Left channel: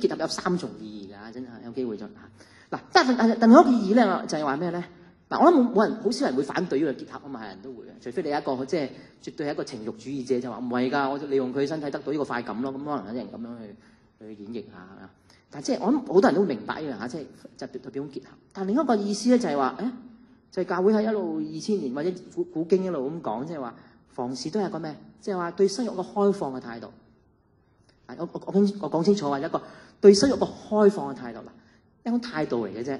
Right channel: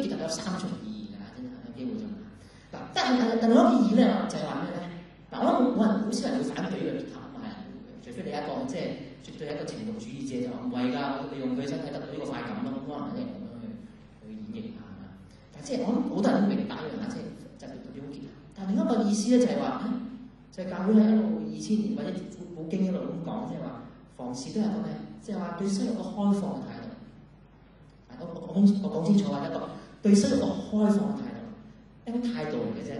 結合有3重意義㗎，真係有機會就嗱。但另一個意義咧，就係話咩咧？嗱，我諗冇人好少人會反對呢個結合啊嘛，係人都會，除非你係一個即係絕對係一個情慾主義者，就話唔係㗎，我利用佢身體得到呢個快感咯，咁可能有人咁樣去演繹下。但係即係我諗好多人都明白呢樣嚇，即係就代表結合。但係另一個意思咧就係話，就係教會係一路2000年或者古經一路咁講，即係話房事都係個咩？即係話對生育個開放嘅態度。我講清楚話一個對生育個開放嘅態度，一種態度嚟嘅啫。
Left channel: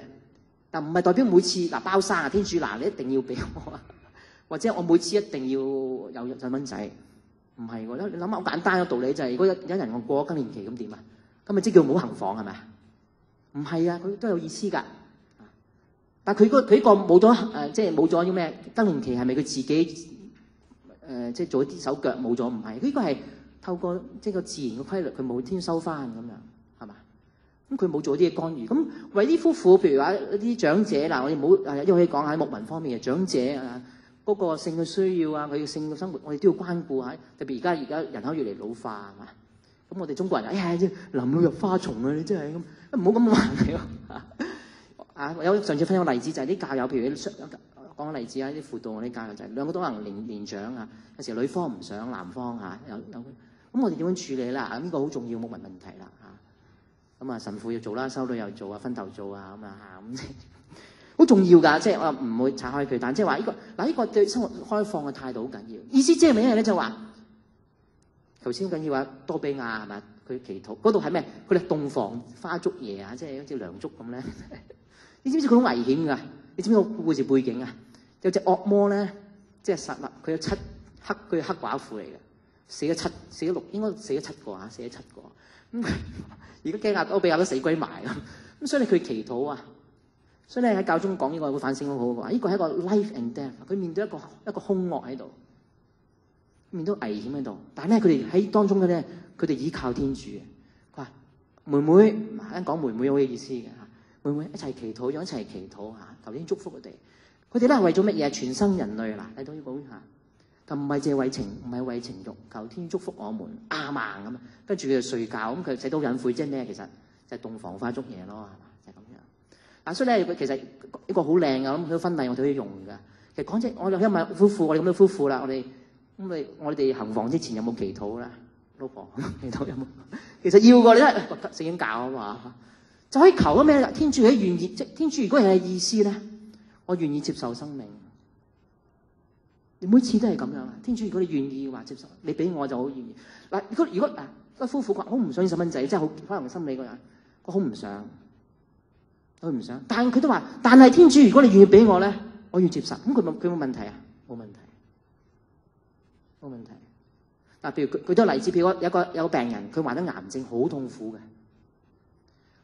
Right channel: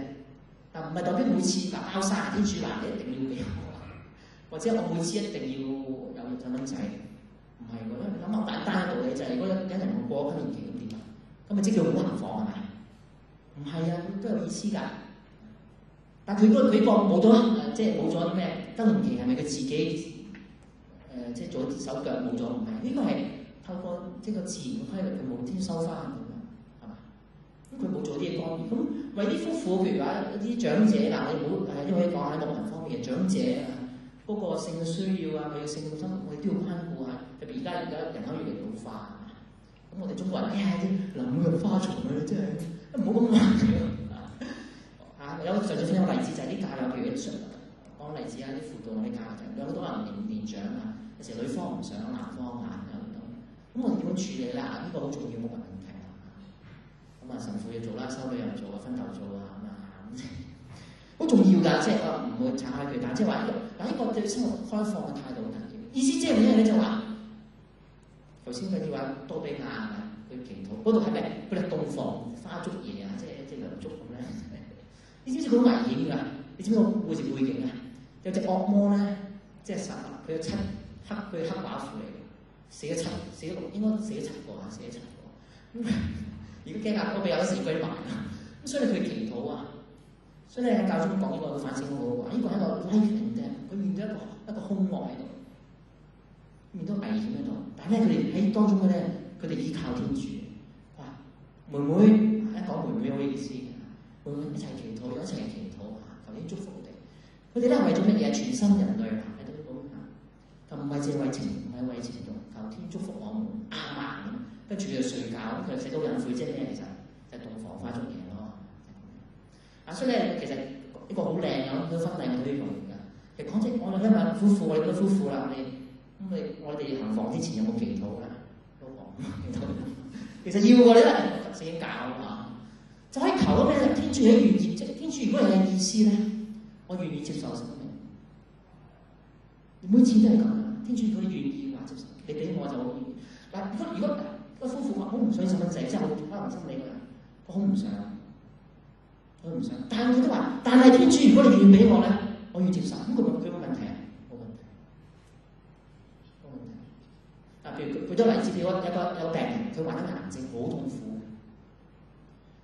但唔係代表每次包生啊，天主你一定要俾我啊，或者我每次一定要有細蚊仔，唔係喎。你諗下好簡單嘅道理就係，如果有人我過咗更年期咁點啊？咁咪即叫冇行房係咪？唔係啊，佢都有意思㗎。但佢個冇咗即係冇咗啲咩更年期係咪佢自己即係做一啲手腳冇咗？唔係，呢個係透過即係個自然嘅規律，佢冇天收翻咁樣係嘛？咁佢冇做啲嘢干預。咁為啲夫婦，譬如話一啲長者嗱，我哋唔好因為可以講下喺牧民方面嘅長者嗰個性嘅需要啊，佢嘅性嘅生活，我哋都要關顧下。特別而家人口越嚟越老化係嘛？咁我哋中國人臨老入花叢啊！你真係咁，唔好咁話有上次分享個例子就係啲教友，譬如講個例子啲輔導嗰啲教友就係兩個都可能年長啊，有時女方唔想男方咁我哋點樣處理啦？呢個好重要冇問題啦咁神父要做啦，修女又做分頭做咁好重要㗎，即係我唔會拆開佢，但即係話呢個對生活開放嘅態度好緊要。意思即係咩咧？就話頭先緊要話多比亞係咪？佢祈禱嗰度係咩？佢哋洞房花燭夜即係一啲梁祝咁咧。你知唔知佢好危險㗎？你知唔知個故事背景啊？有隻惡魔咧，即係實啦，佢有佢係黑寡婦嚟嘅，死咗6，應該死咗7個死咗7個。咁而家多比亞都死鬼埋啦。咁所以佢祈禱啊，所以咧喺教宗講呢個反省好好嘅，呢個係一個 life and death， 佢面對一個兇惡喺度，面對危險喺度。但係咧，佢哋喺當中嘅咧，佢哋依靠天主。佢話妹妹，一講妹妹好有意思嘅。妹妹一齊祈禱，一齊祈禱求天祝福佢哋。佢哋咧係為咗乜嘢？全生人類睇到呢個就唔係淨係為情，唔係為情慾，求天祝福我們阿們咁。跟住佢就睡覺，咁佢寫到隱晦，即係咩？其實就係洞房花燭夜咯，就係咁樣。所以咧，佢其實一個好靚嘅咁婚禮，我哋都要用㗎。其實講真，我哋今日夫婦，我哋咁多夫婦啦，我哋行房之前有冇祈禱啦？老婆祈禱有冇？其實要㗎，你都聖經教啊嘛。就可以求咗咩？天主係願意，即天主如果係意思咧，我願意接受生命。你每次都係咁噶。天主如果你願意話接受，你俾我就好願意。嗱，如果個夫婦話好唔想細蚊仔，真係好可能心理嗰人，佢好唔想，佢唔想。但係佢都話，但係天主如果你願意俾我咧，我要接受。咁佢冇問題啊？冇問題，冇問題。嗱，譬如舉多例子，譬如有個病人，佢患咗癌症，好痛苦嘅。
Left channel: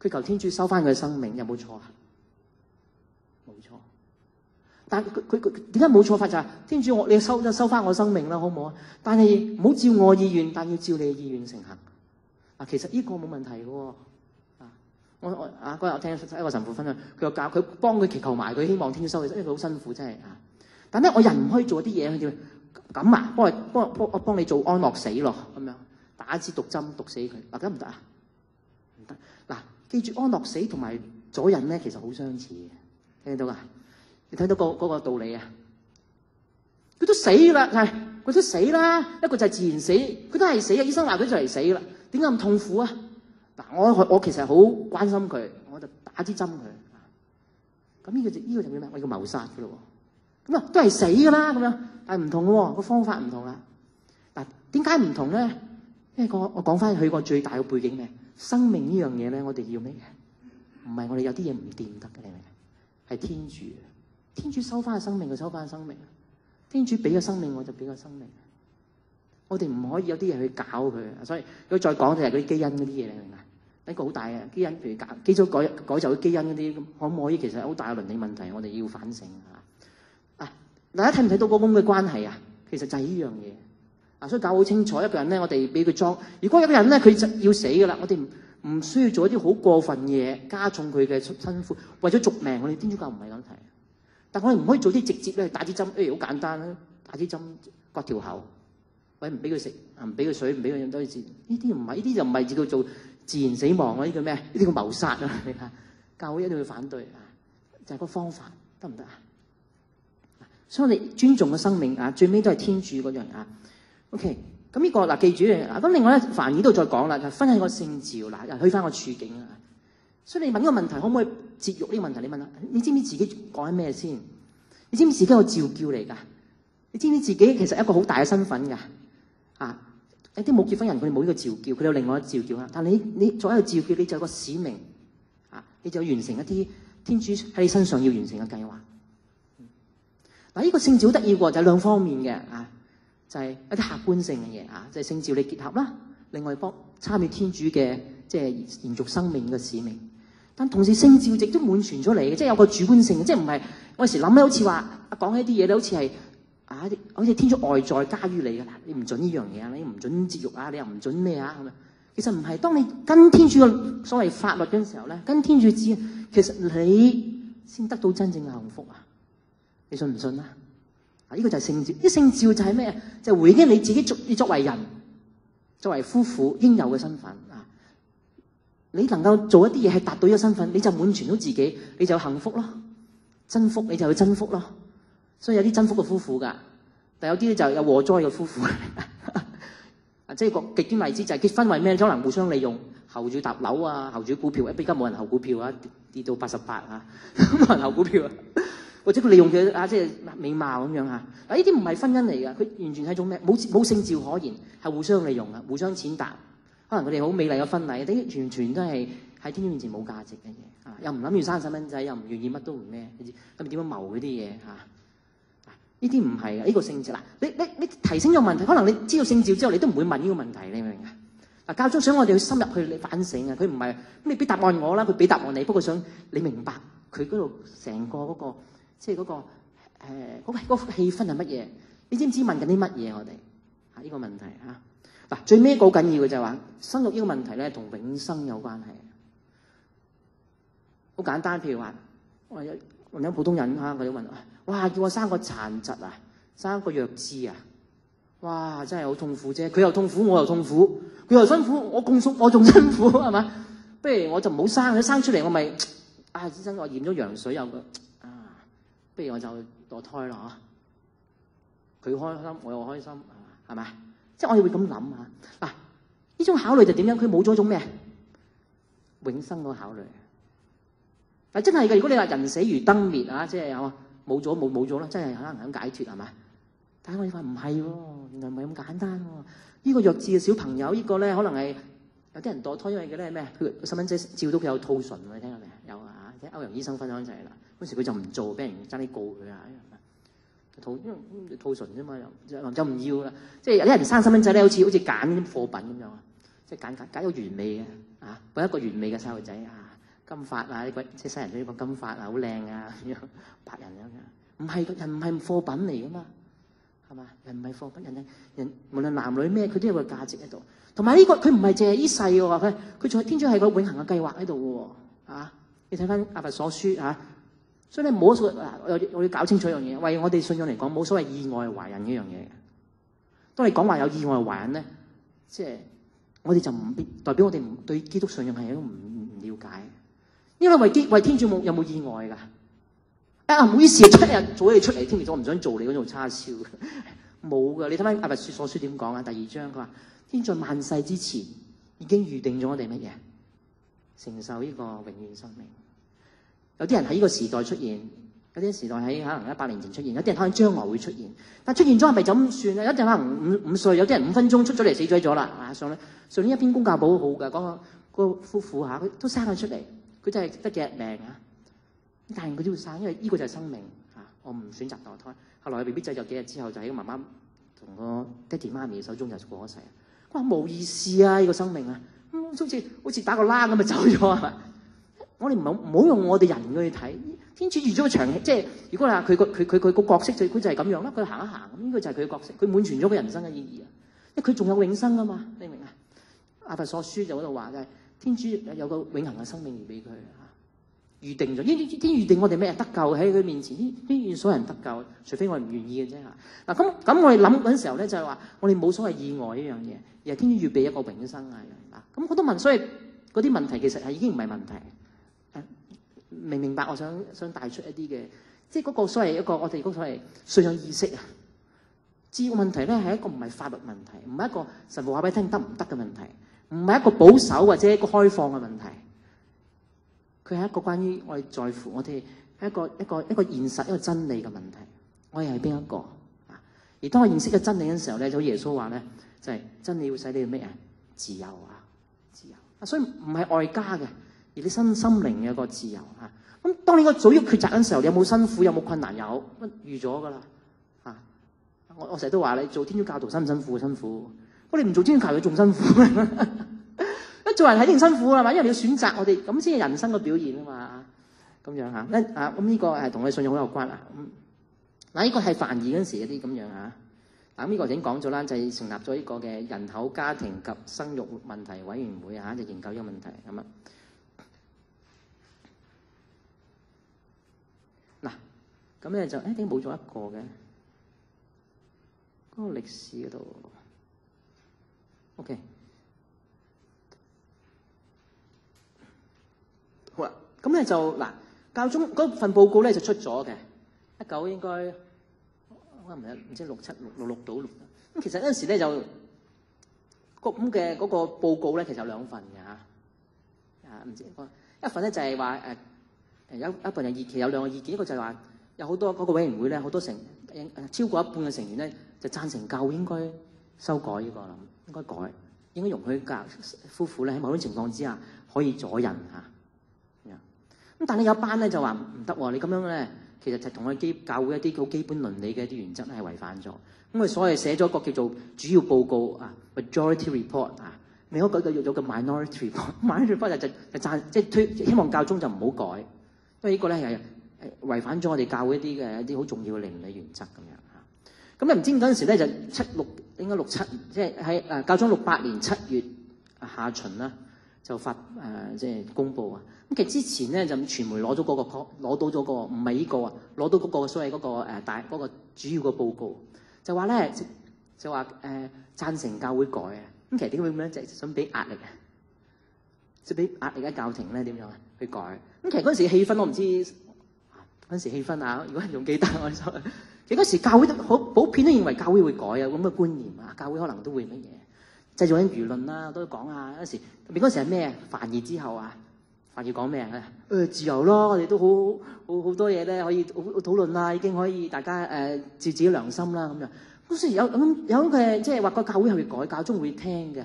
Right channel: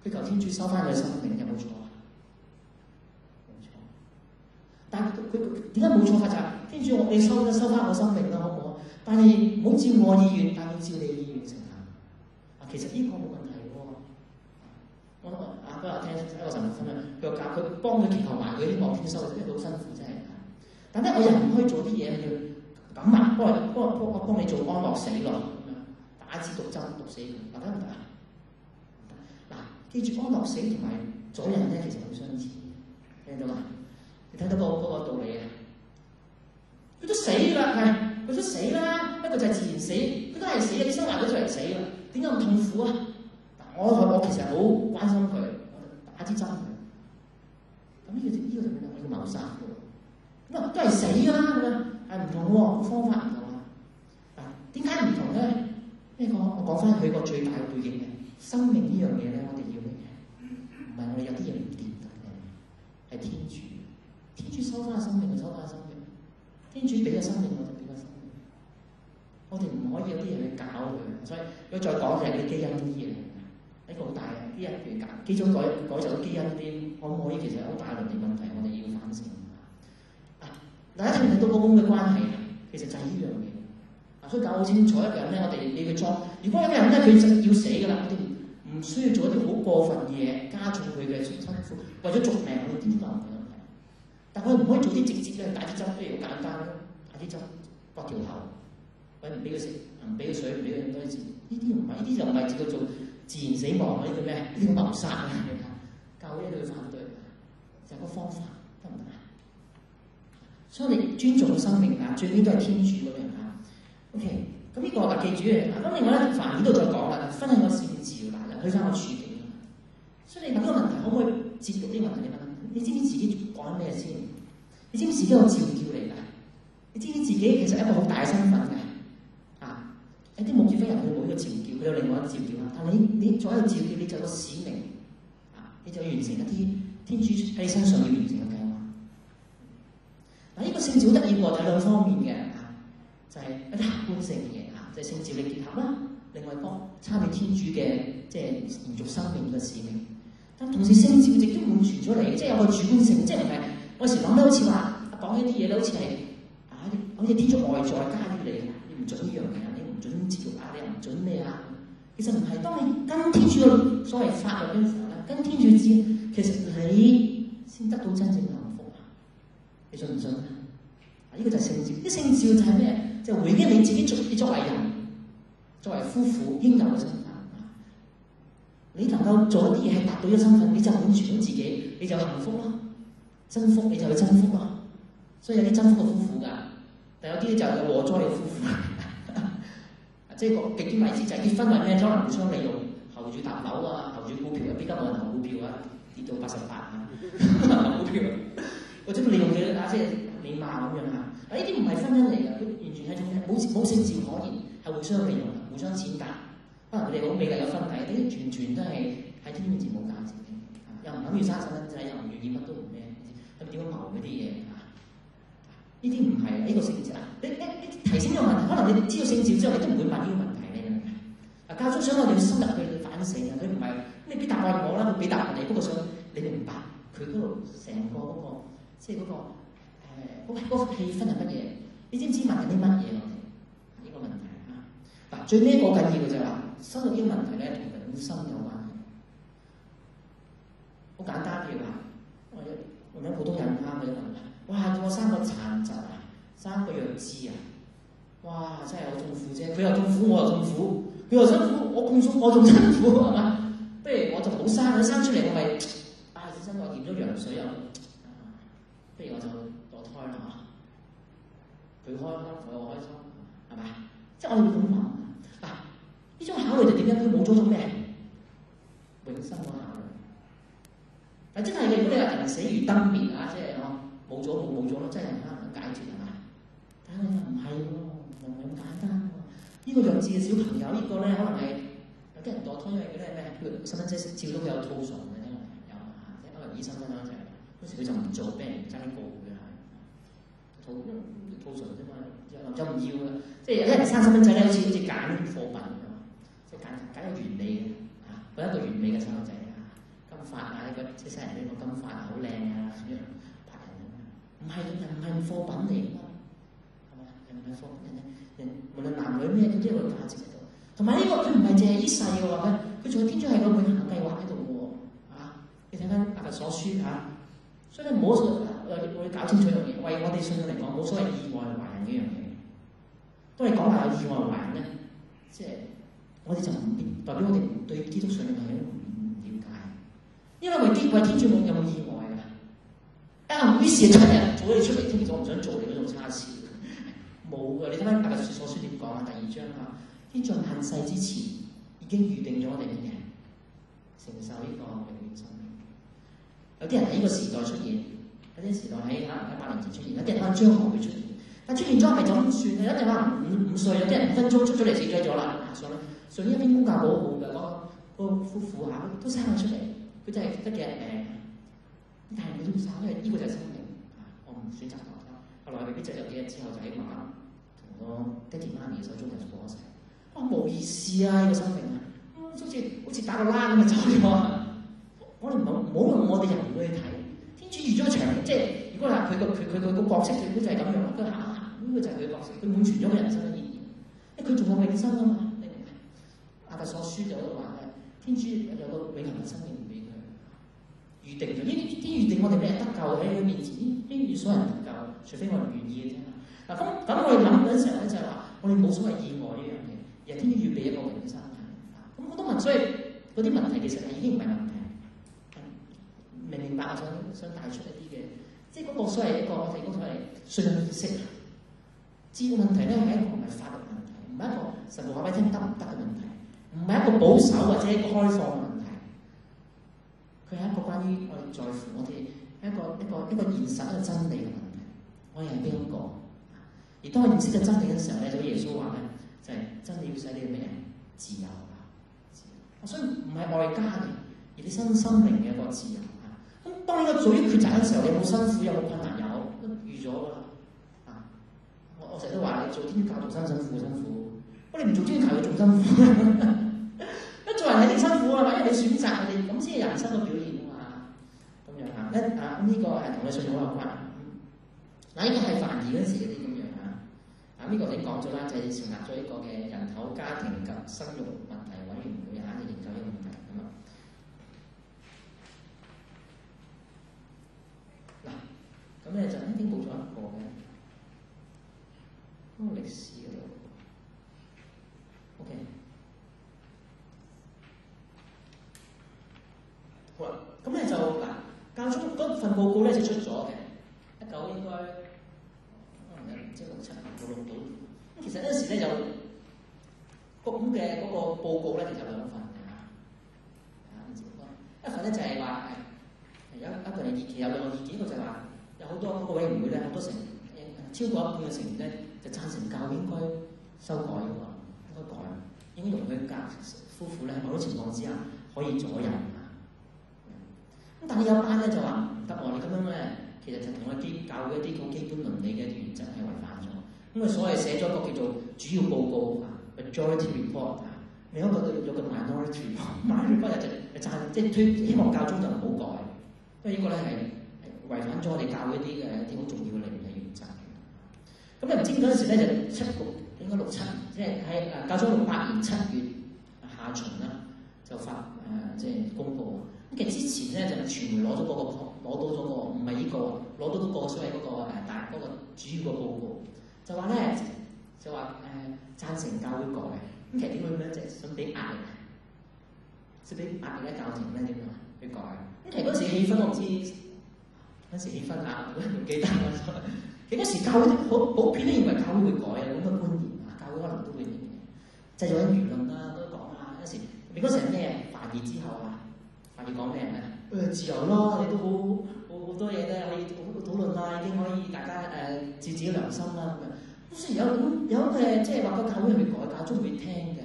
佢求天主收翻佢嘅生命，有冇錯啊？冇錯。但係佢點解冇錯法就係天主，你收翻我生命啦，好唔好啊？但係唔好照我意願，但要照你嘅意願成行。其實呢個冇問題嘅喎。我嗰日聽一個神父分享，佢幫佢祈求埋，佢希望天主收佢，因為佢好辛苦真係。但係咧，我人唔可以做啲嘢，叫咁啊，幫你做安樂死咯，咁樣打支毒針毒死佢，得唔得啊？記住安樂死同埋阻引咧，其實好相似嘅，聽到啊？你睇到嗰個道理啊？佢都死啦，佢都死啦。一個就係自然死，佢都係死啊！醫生話佢就嚟死啦，點解咁痛苦啊？嗱，我其實好關心佢，我就打支針佢。咁呢個就叫咩？我叫謀殺嘅咯喎。咁都係死㗎啦，咁樣，但係唔同嘅喎，個方法唔同啦。嗱，點解唔同咧？因為我講翻佢個最大嘅背景嘅。生命呢樣嘢咧，我哋要咩嘅？唔係我哋有啲嘢唔掂得嘅，係天主。天主收翻個生命，佢收翻個生命。天主俾個生命，我就俾個生命。我哋唔可以有啲嘢去搞佢。所以如果再講就係嗰啲基因嗰啲嘢嚟㗎。呢個好大嘅基因，譬如基因改造啲基因嗰啲，可唔可以其實好大嘅倫理問題，我哋要反省嚇。大家睇唔睇到嗰種嘅關係啊？其實就係呢樣嘢。所以搞好清楚，一個人咧，我哋俾佢裝。如果一個人咧，佢就要死㗎啦，我哋唔需要做一啲好過分嘢，加重佢嘅辛苦，為咗續命。我哋天主教唔係咁睇，但我哋唔可以做啲直接咧，打支針，譬如好簡單啦，打支針割條喉，或者唔俾佢食，唔俾佢水，唔俾佢飲多啲。呢啲唔係，呢啲就唔係叫做自然死亡啊！呢叫咩？呢啲叫謀殺啊！教會一定會反對，就係個方法得唔得啊？所以我哋尊重個生命啊，最尾都係天主嗰樣啊。OK， 咁呢個嗱記住啊。咁另外咧，凡爾都再講啦，分享個聖召嗱，又去翻個處境啊。所以你問呢個問題，可唔可以節育呢個問題？你問下，你知唔知自己講緊咩先？你知唔知自己有召叫嚟㗎？你知唔知自己其實一個好大嘅身份㗎？啊！有啲冇結婚人佢冇呢個召叫，佢有另外一個召叫啊。但你作為一個召叫，你就有個使命啊，你就完成一啲天主喺你身上要完成嘅計劃。嗱，呢個聖召好得意喎，就係兩方面嘅啊，就係一啲客觀性嘅嘢啊，就係聖召你結合啦，另外幫參與天主嘅即係延續生命嘅使命。但同時聖召亦都滿全咗嚟嘅，即係有個主觀性，即係唔係我有時諗咧，好似話講起啲嘢咧，好似係好似天主外在加於你嘅，你唔準呢樣嘢啊，你唔準節育啊，你又唔準咩啊？其實唔係，當你跟天主嘅所謂法律嘅時候咧，跟天主知，其實你先得到真正嘅幸福啊！你信唔信啊？呢個就係聖召，啲聖召就係咩？就係回應你自己作為人、作為夫婦應有嘅身份。你能夠做一啲嘢係達到呢個身份，你就滿全咗自己，你就幸福咯。真福你就去真福咯。所以有啲真福嘅夫婦㗎，但有啲就有禍災嘅夫婦。即係個極端例子就係結婚為咩？可能互相利用，候住搭樓啊，候住股票，而家冇人候股票啊，跌到88啊，冇人候股票啊。或者佢利用嘅即係美貌咁樣嚇。嗱，呢啲唔係婚姻嚟㗎，佢完全係一種咩？冇聖召可言，係互相利用㗎，互相踐踏。可能佢哋好美麗嘅婚禮，啲完全都係喺天主面前冇價值嘅嘢，又唔諗住生細蚊仔，又唔願意乜都唔咩，咁點樣謀嗰啲嘢嚇？呢啲唔係呢個聖召嗱，你提醒咗問題，可能你知道聖召之後，你都唔會問呢個問題，你明唔明啊？嗱，教宗想我哋要深入去反省啊，佢唔係你俾答案我啦，佢俾答案你，不過想你明白佢嗰度成個嗰個即係嗰個氣氛係乜嘢？你知唔知問緊啲乜嘢我哋啊？呢個問題嚇。嗱，最尾一個好緊要嘅就係話，生育呢個問題咧，同永生有關係。好簡單，譬如話，我有普通人嚇，我哋問：哇，叫我生個殘疾啊，生個弱智啊，哇，真係好痛苦啫！佢又痛苦，我又痛苦，佢又辛苦，我仲辛苦係嘛？不如我就唔好生，你生出嚟我咪真我驗咗羊水有個不如我就墮胎啦嚇，佢開心我又開心，係咪？即係我哋會咁諗啊！嗱，呢種考慮就點樣？佢冇咗種咩？永生嗰考慮。嗱，真係嘅。如果你話人死如燈滅啊，即係冇咗啦，真係可能肯解脫係嘛？但係我哋話唔係喎，唔係咁簡單喎。呢個弱智嘅小朋友，呢個咧可能係有啲人墮胎因為嘅咧咩？佢細蚊仔照到佢有兔唇，你聽過未？有啊，即係歐陽醫生分享就係啦。嗰時佢就唔做，俾人爭啲告佢啊。兔唇啫嘛，就唔要啦。即係有啲人生細蚊仔咧，好似揀啲貨品咁樣，即係揀個完美嘅啊，揾一個完美嘅細路仔啊，金髮啊，呢個即係西人呢個金髮啊，好靚啊，咁樣白人咁樣。唔係人唔係貨品嚟噶嘛，係嘛？人唔係貨品，人無論男女咩，佢都有個價值喺度。同埋呢個佢唔係淨係呢世嘅話，佢仲係天主係個永恆嘅計劃喺度嘅喎啊！你睇翻阿佛所書啊。所以咧冇所謂，我要搞清楚一樣嘢，為我哋信仰嚟講，冇所謂意外懷孕呢樣嘢。當你講話有意外懷孕咧，即係我哋就唔代表我哋對基督信仰係一個唔了解。因為為天主有冇意外㗎？唔好意思，出日早你出嚟添，其實我唔想做你嗰種叉燒嘅，冇㗎。你睇翻阿佛所書點講啊？第2章佢話：天在萬世之前已經預定咗我哋乜嘢？承受呢個永遠生命。有啲人喺呢個時代出現，有啲時代喺可能100年前出現，有啲人可能將來會出現。但出現咗係咪就咁算咧？有啲人可能5歲，有啲人5分鐘出咗嚟死咗啦。上年一篇公教簿好嘅，講個夫婦佢都生咗出嚟，佢真係得幾日命啊！但係佢都要生，因為呢個就係生命啊！我唔選擇墮胎。後來 BB 仔就幾日之後就喺個媽媽同個爹哋媽咪手中就過咗世。哇！冇意思啊！呢個生命啊，好似打個啦咁就走咗啊！我哋唔好用我哋人去睇，天主預咗個場，即係如果話佢個角色就係咁樣啦，佢行一行，呢個就係佢嘅角色，佢滿全咗個人生嘅意義。因為佢仲有永生啊嘛，你明唔明啊？阿佛所書就嗰度話嘅，天主有個永恆嘅生命俾佢，預定咗。天預定我哋咩得救喺佢面前，呢所有人得救，除非我哋唔願意嘅啫嚇。嗱咁我哋諗嗰陣時候咧，就係話我哋冇所謂意外呢樣嘢，而係天主預備一個永生啊。咁好多問，所以嗰啲問題其實係已經唔係問題。明白我想帶出一啲嘅，即係嗰個所謂一個我哋嗰個所謂信仰意識啊。知個問題咧係一個唔係法律問題，唔係一個神父話俾你聽得唔得嘅問題，唔係一個保守或者一個開放嘅問題。佢係一個關於我哋在乎我哋一個現實一個真理嘅問題。我哋係邊一個？而當我認識咗真理嘅時候咧，就耶穌話咧，就係真理會使你咩啊？自由啊，自由啊！所以唔係外加嘅，而你身心靈嘅一個自由啊。咁當你個做呢個抉擇嘅時候，有冇辛苦？有冇困難？有，預咗噶啦啊！我成日都話你做天主教徒辛唔辛苦？辛苦。我哋唔做天主教徒仲辛苦。一做人係一定辛苦啊嘛，因為你要選擇我哋咁先係人生嘅表現啊嘛。咁樣嚇咁呢個係同你信仰好有關啊。嗱，呢個係梵二嗰陣時嗰啲咁樣嚇。呢個已經講咗啦，就係成立咗呢個嘅人口、家庭及生育問題委員會嚇，就研究呢個問題咁啊。嗱，咁咧就點解冇咗一個嘅嗰個歷史嗰度 ？OK， 好啦，咁咧就嗱，教宗嗰份報告咧就出咗嘅，19應該。唔知67、66到咁，其實嗰陣時咧就咁嘅嗰個報告咧，其實有兩份嘅嚇，唔知一份咧就係話有一份有意見，有兩個意見，一個就係話有好多嗰個委員會咧，好多超過一半嘅成員咧就贊成教會應該修改呢個，應該改，應該容許夫婦咧喺某種情況之下可以阻孕嚇。咁但係有一班咧就話唔得喎，你咁樣咧。其實就同我哋教會一啲好基本倫理嘅一啲原則係違反咗。咁佢所謂寫咗一個叫做主要報告啊 ，majority report 啊，另一個叫做 minority report。minority report 即係希望教宗就唔好改，因為呢個咧係違反咗我哋教會一啲好重要嘅倫理原則咁樣。咁你唔知嗰陣時咧就應該67，即係喺教宗68年7月下旬啦，就即係公佈啊。咁其實之前咧就傳媒攞到咗個唔係呢個，攞到嗰個所謂嗰個嗰個主要嘅報告，就話咧就話贊成教會改啊。咁其實點會咁樣？就係想俾壓力啊，即係俾壓力喺教廷咧點樣啊去改。咁其實嗰陣時氣氛我唔知嗰陣時氣氛啊，如果仲記得我哋其實嗰時教會好普遍都認為教會會改啊，咁嘅觀念啊，教會可能都會乜嘢製造緊輿論啦，都講啊。嗰時你嗰時係咩？梵二之後啊。要講咩咧？自由咯，我哋都好多嘢咧可以討論啦，已經可以大家照自己良心啦咁樣。嗰時有嘅即係話個教會係會改，教宗會聽嘅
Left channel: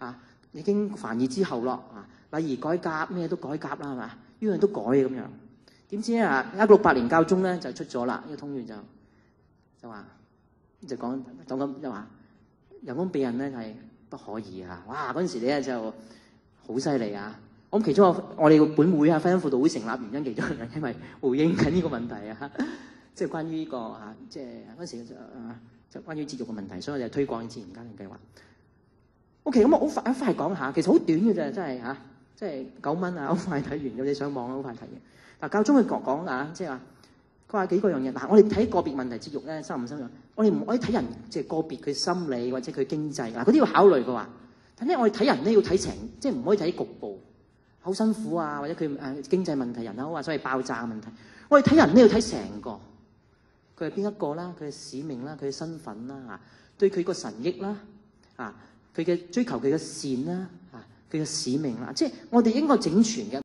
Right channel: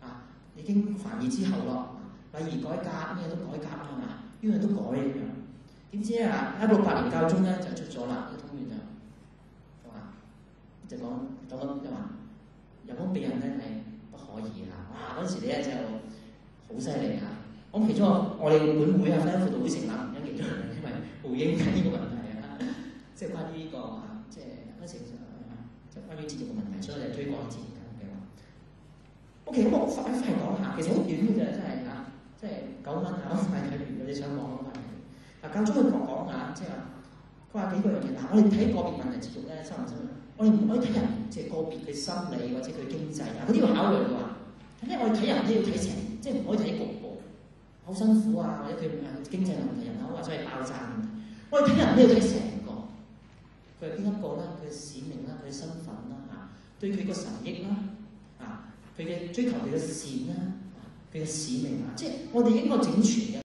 嚇。已經梵二之後咯，禮儀改革咩都改革啦係嘛，樣樣都改咁樣。點知啊，1968年教宗咧就出咗啦，呢個通諭就話就講咁就話人工避孕咧係不可以嚇。哇！嗰陣時咧就好犀利啊！咁其中我哋本會婚姻輔導會成立原因其中係因為回應緊呢個問題啊，即係關於呢個即係嗰陣時就關於節育嘅問題，所以我就推廣自然家庭計劃。OK， 咁我好快講下，其實好短嘅啫，真係即係9蚊好快睇完，有你上網好快睇完。嗱，教宗佢講下，即係話佢話幾個樣嘢。嗱，我哋睇個別問題節育咧，深唔深入？我哋唔可以睇人即係個別佢心理或者佢經濟嗱，嗰啲要考慮嘅話，但係我哋睇人咧要睇成，即係唔可以睇局部。好辛苦啊，或者佢經濟問題、人口啊，所謂爆炸問題。我哋睇人都要睇成個，佢係邊一個啦？佢嘅使命啦，佢嘅身份啦對佢個神益啦佢嘅追求佢嘅善啦佢嘅使命啦，即係我哋應該整全嘅。